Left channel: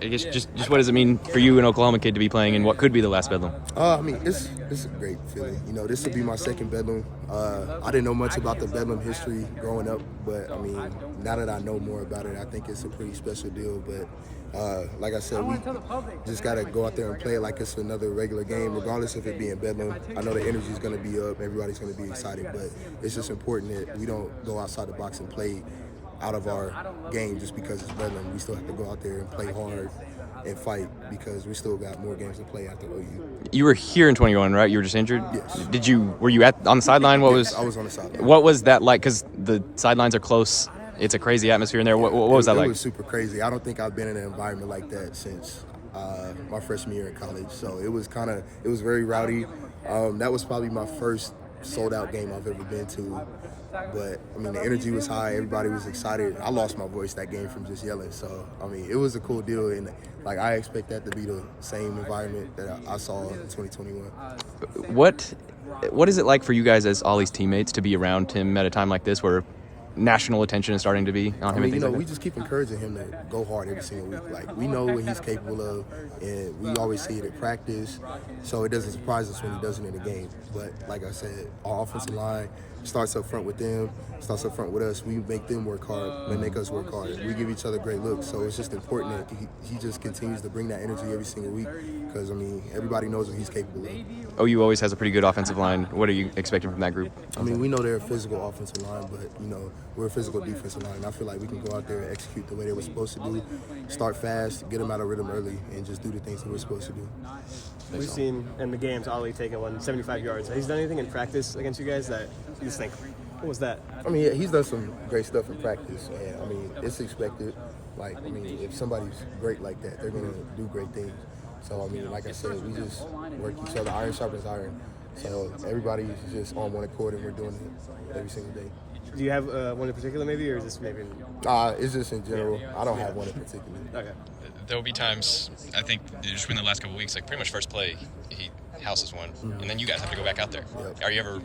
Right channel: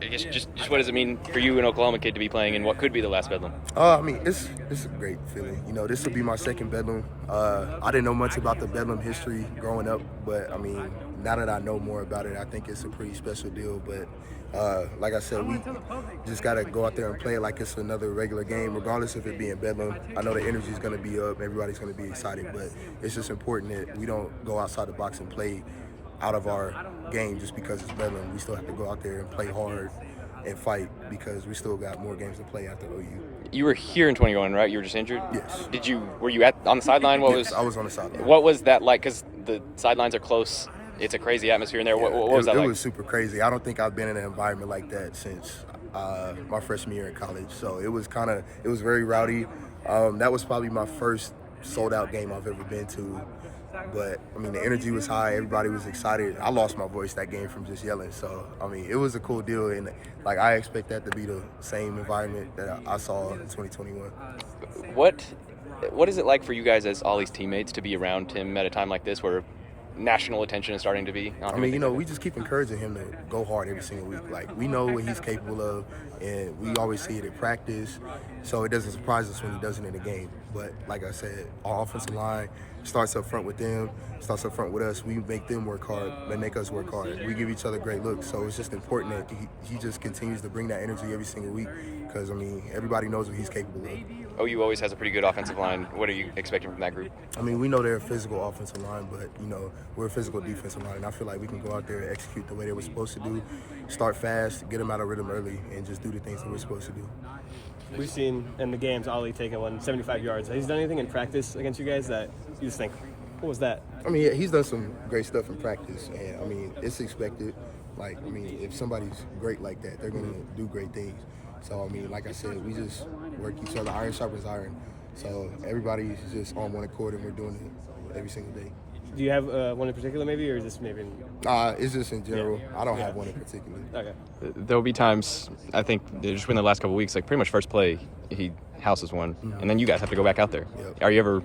I guess just what does it mean for you, an Oklahoma kid, to be playing in what could be the last Bedlam? I mean, it's a great feeling. You know, this will be my second Bedlam. I didn't know much about the Bedlam history growing up, but I mean, now that I know more about it, I think it's a pretty special deal. But like I said, we just got to go out there and play it like it's another regular game, regardless of it being Bedlam. I know the energy is going to be up, everybody's going to be excited, but it's just important that we don't go outside the box and play out of our game just because it's Bedlam. We still have to go out there and play hard and fight because we still got more games to play after OU. You were here in 21, right? You were just injured. Yes. Were you on the sideline? Yes, I was on the sideline. What was that like? Because the sidelines are close. It's a crazy atmosphere in there. Yeah, what was that like? It was super crazy. I don't think I've been in an environment like that since my freshman year in college. So it was very rowdy. That was probably my first sold out game I've ever been to. But I mean, the energy was high. Everybody was excited. I lost my voice that game from just yelling. So I mean, it was a cool deal, and like I expect that to be the same environment that I saw in 2021. What is it like for you guys as Ollie's teammates to be around him at a time like this, where national attention is starting to be on him? I mean, you know, we just keep encouraging him to go hard every single week. Like, we know what he's capable of, and we always see it at practice, so it doesn't surprise us when he does it in the game. But like I said, our offensive line starts up front with them, starts up front with us. We make them work hard, they make us work hard. We give each other great looks, so it's just important that he just continues to bring that energy every single week because, I mean, everybody knows what he's capable of. OU always has a pretty good offensive line. What are you expecting from that group? I mean, we know they're a physical offensive line, but, you know, we're a physical defensive line. And I feel like we can go out there and execute the way they were supposed to do, start fast, get them out of rhythm early, and just do the things that we're supposed to do. We've seen in the games Ollie take it 75 yards. Has he done anything in practice against you guys that you just think, what was that? I mean, yeah, he's done some great stuff in practice, and I mean, it's expected. Like, I mean, if somebody's great like that, they're gonna do great things. So, I mean, like I said, we just work each other. Iron sharpens iron. So everybody's just on one accord, and we're doing it every single day. Do you have one in particular, maybe, or is this maybe? It's just in general. I don't have one in particular. Okay. There will be times, I think, just within the last couple of weeks, like pretty much first play, he houses one, and then you guys have to go back out there. Yep. Are you ever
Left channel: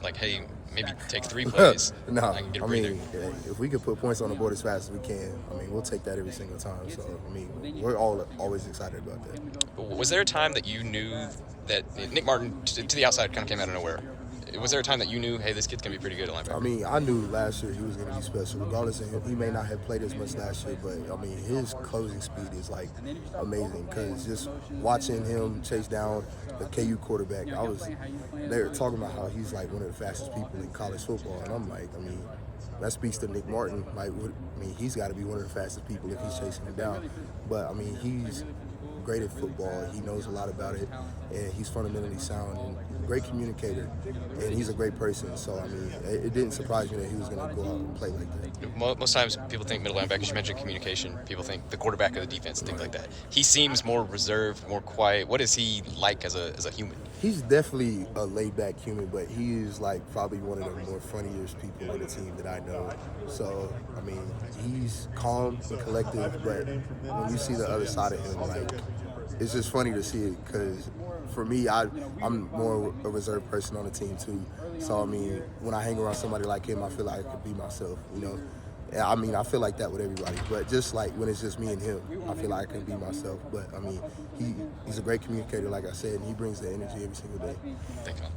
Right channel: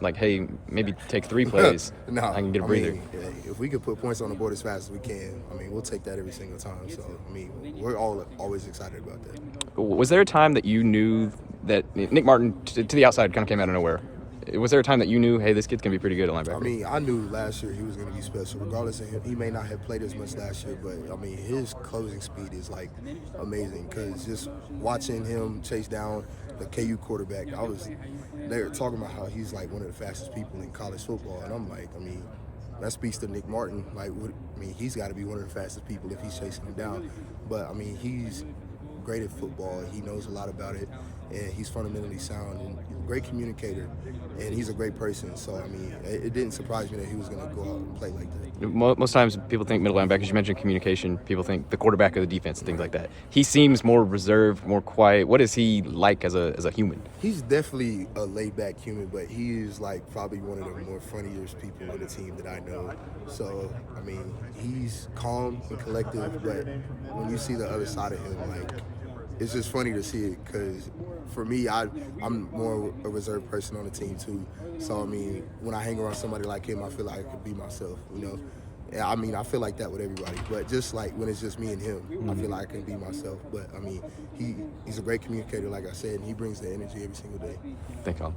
like, hey, maybe take 3 plays? No, I can get a breather? mean, if we could put points on the board as fast as we can, I mean, we'll take that every single time. So, I mean, we're always excited about that. Was there a time that you knew that Nick Martin, to the outside, kind of came out of nowhere? Was there a time that you knew, hey, this kid's going to be pretty good at linebacker? I mean, I knew last year he was going to be special. Regardless of him, he may not have played as much last year, but, I mean, his closing speed is, like, amazing. Because just watching him chase down the KU quarterback, they were talking about how he's, like, one of the fastest people in college football. And I'm like, I mean, that speaks to Nick Martin. Like, he's got to be one of the fastest people if he's chasing him down. But, I mean, he's great at football. He knows a lot about it, and he's fundamentally sound and he's a great communicator. And he's a great person, so I mean, it didn't surprise me that he was going to go out and play like that. Most times people think middle linebackers, you mentioned communication, people think the quarterback of the defense and things like that. He seems more reserved, more quiet. What is he like as a human? He's definitely a laid-back human, but he is like probably one of the more funniest people on the team that I know. So, I mean, he's calm and collective, but when you see the other side of him, like, it's just funny to see it because for me, I'm more a reserved person on the team too. So I mean, when I hang around somebody like him, I feel like I could be myself, you know. And, I mean, I feel like that with everybody, but just like when it's just me and him, I feel like I can be myself. But I mean, he's a great communicator, like I said, and he brings the energy every single day. Thanks, Colin.